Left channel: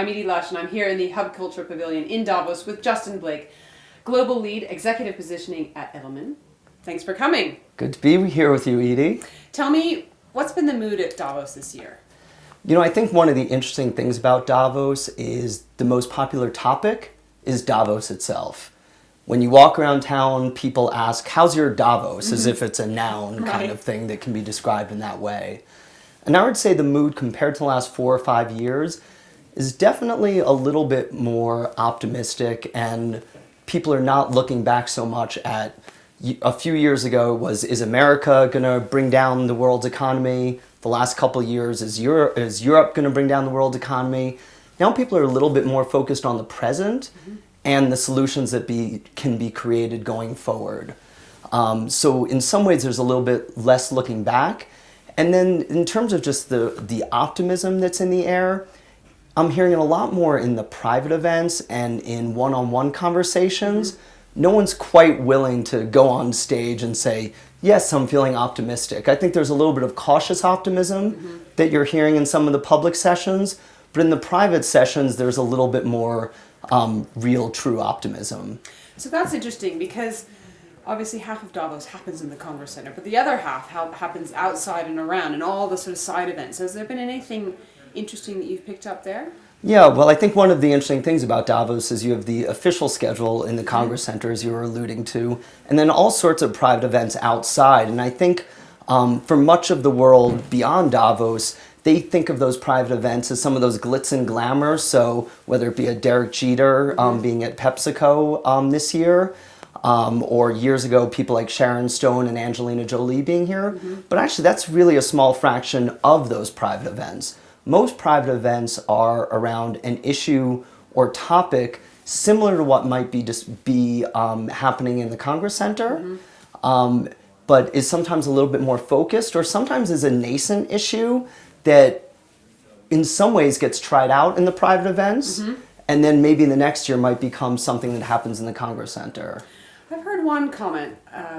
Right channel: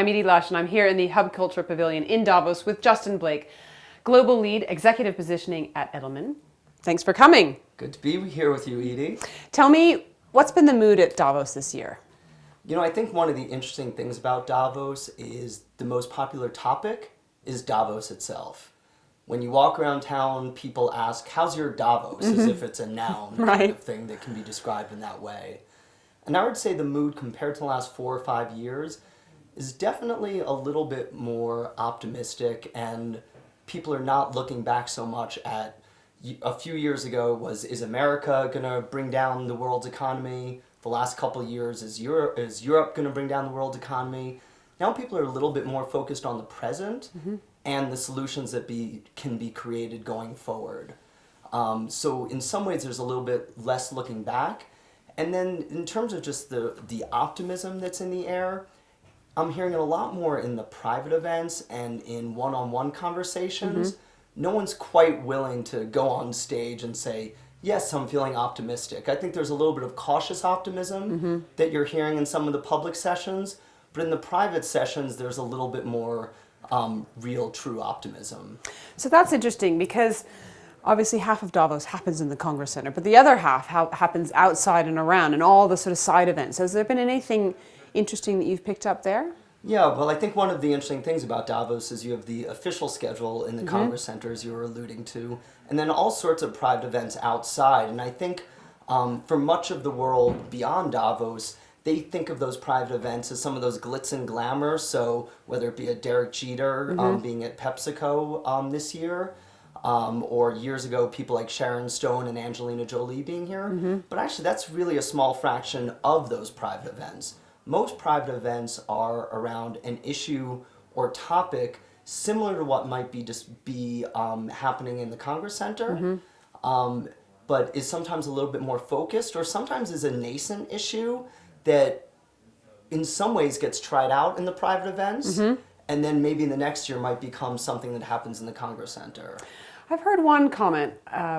I'm Edie Lush, and I'm here in the Hub Culture Pavilion in Davos with Justin Blake, Global Lead Executive Positioning at Edelman. Thanks for coming. Good to be here with you, Edie. Tell me, what's been the mood at Davos this year? You know, I think one of the interesting things about Davos is the most popular topic is Davos itself. When you walk around town, people ask, how's your Davos? As if it's a noun kind of thing that can be described in that way. And I would say the mood compared to the last 4 or 5 years is definitely a little bit more optimistic, and people are not looking back so much at a few years ago is America going to bring down the world's economy? The last couple of years, is Europe going to bring down the world's economy? Now people are a little bit more focused on the present and the solutions that can be created going forward. So in some ways there's a little bit less looking back. And then in terms of just the optimism that's in the air, I'm hearing it a lot more in the private events and in one-on-one conversations. No one's quite willing to go on stage and say, yes, I'm feeling optimistic. I think there's a little bit of cautious optimism that you're hearing in some of the public sessions, but in the private sessions, there's a little bit more real, true optimism. So that's interesting because obviously half of Davos happens in the Congress Center, but the other half happens outside and around and all the sort of side events. Has there been anything interesting that you've picked up there? Yeah, well, I think one of the interesting things about Davos is you have the official schedule in the Congress Center, as you were alluding to, and then all sorts of private events outside. And I think for much of the world beyond Davos, they think of those private events as some of those glitz and glamour. So whether it be a Derek Jeter being at PepsiCo this year, or years ago, people like Sharon Stone and Angelina Jolie being here. But actually, that's really a small fraction of those private events. Most private events are around an issue or topic similar to what might be happening in the Congress Center, but is sometimes a little bit more focused, or sometimes is a nascent issue that in some ways gets tried out in the private events, and then maybe the next year might become something that happens in the Congress Center. I've heard one comment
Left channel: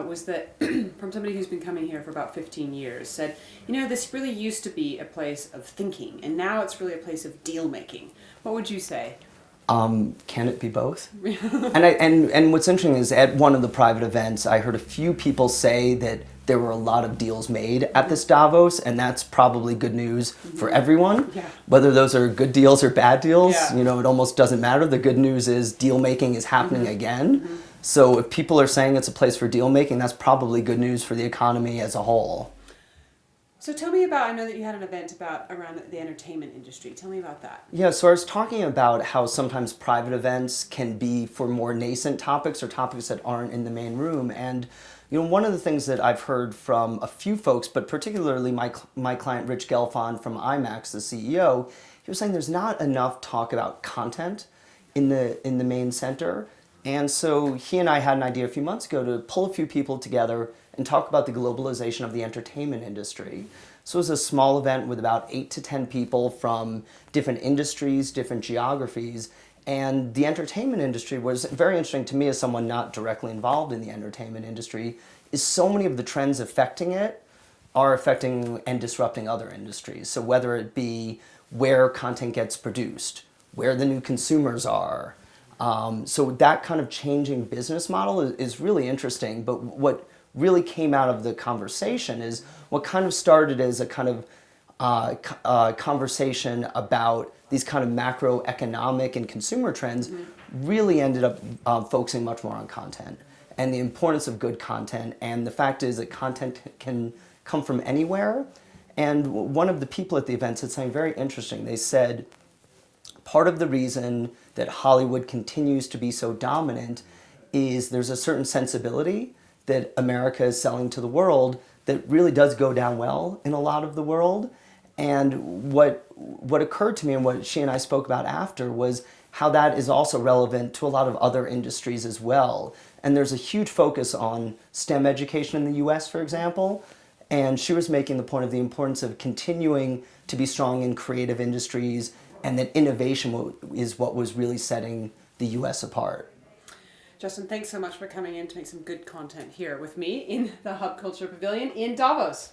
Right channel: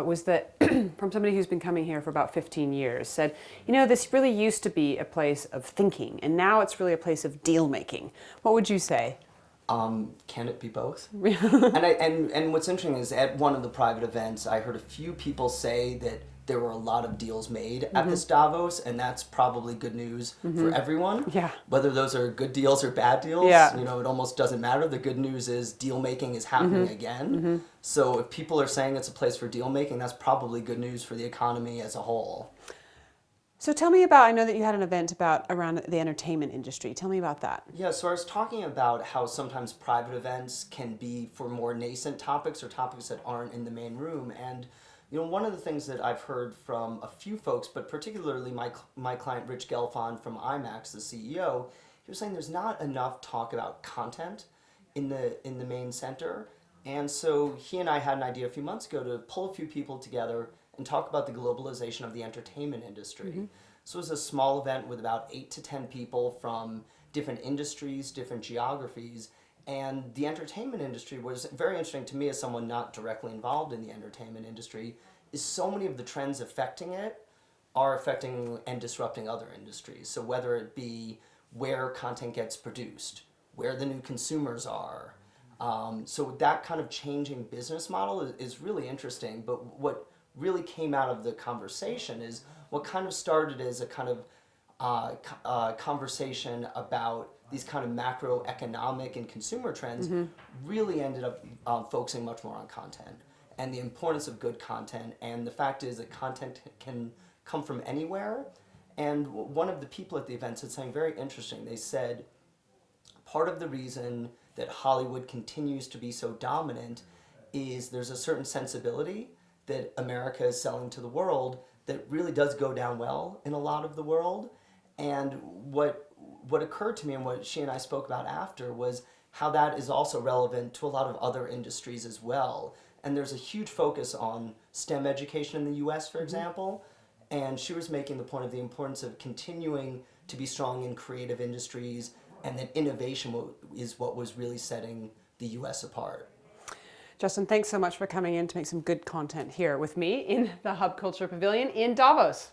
was that from somebody who's been coming here for about 15 years, said, you know, this really used to be a place of thinking, and now it's really a place of deal making. What would you say? Can it be both? and what's interesting is at one of the private events, I heard a few people say that there were a lot of deals made at this Davos, and that's probably good news for everyone. Yeah. Whether those are good deals or bad deals, you know, it almost doesn't matter. The good news is deal making is happening again. So if people are saying it's a place for deal making, that's probably good news for the economy as a whole. So tell me about, I know that you had an event around the entertainment industry. Tell me about that. Yeah, so I was talking about how sometimes private events can be for more nascent topics or topics that aren't in the main room. And you know, one of the things that I've heard from a few folks, but particularly my client Rich Gelfond from IMAX, the CEO, he was saying there's not enough talk about content in the main center. And so he and I had an idea a few months ago to pull a few people together and talk about the globalization of the entertainment industry. So it was a small event with about 8 to 10 people from different industries, different geographies. And the entertainment industry was very interesting to me as someone not directly involved in the entertainment industry, is so many of the trends affecting it are affecting and disrupting other industries. So whether it be where content gets produced, where the new consumers are. So that kind of changing business model is really interesting. But what really came out of the conversation is what kind of started as a kind of conversation about these kind of macroeconomic and consumer trends really ended up focusing much more on content and the importance of good content. And the fact is that content can come from anywhere. And one of the people at the event said something very interesting. They said, part of the reason that Hollywood continues to be so dominant is there's a certain sensibility that America is selling to the world that really does go down well in a lot of the world. And what occurred to me and what she and I spoke about after was how that is also relevant to a lot of other industries as well. And there's a huge focus on STEM education in the US, for example. And she was making the point of the importance of continuing to be strong in creative industries, and that innovation is what was really setting the US apart. Justin, thanks so much for coming in to make some good content here with me in the Hub Culture Pavilion in Davos.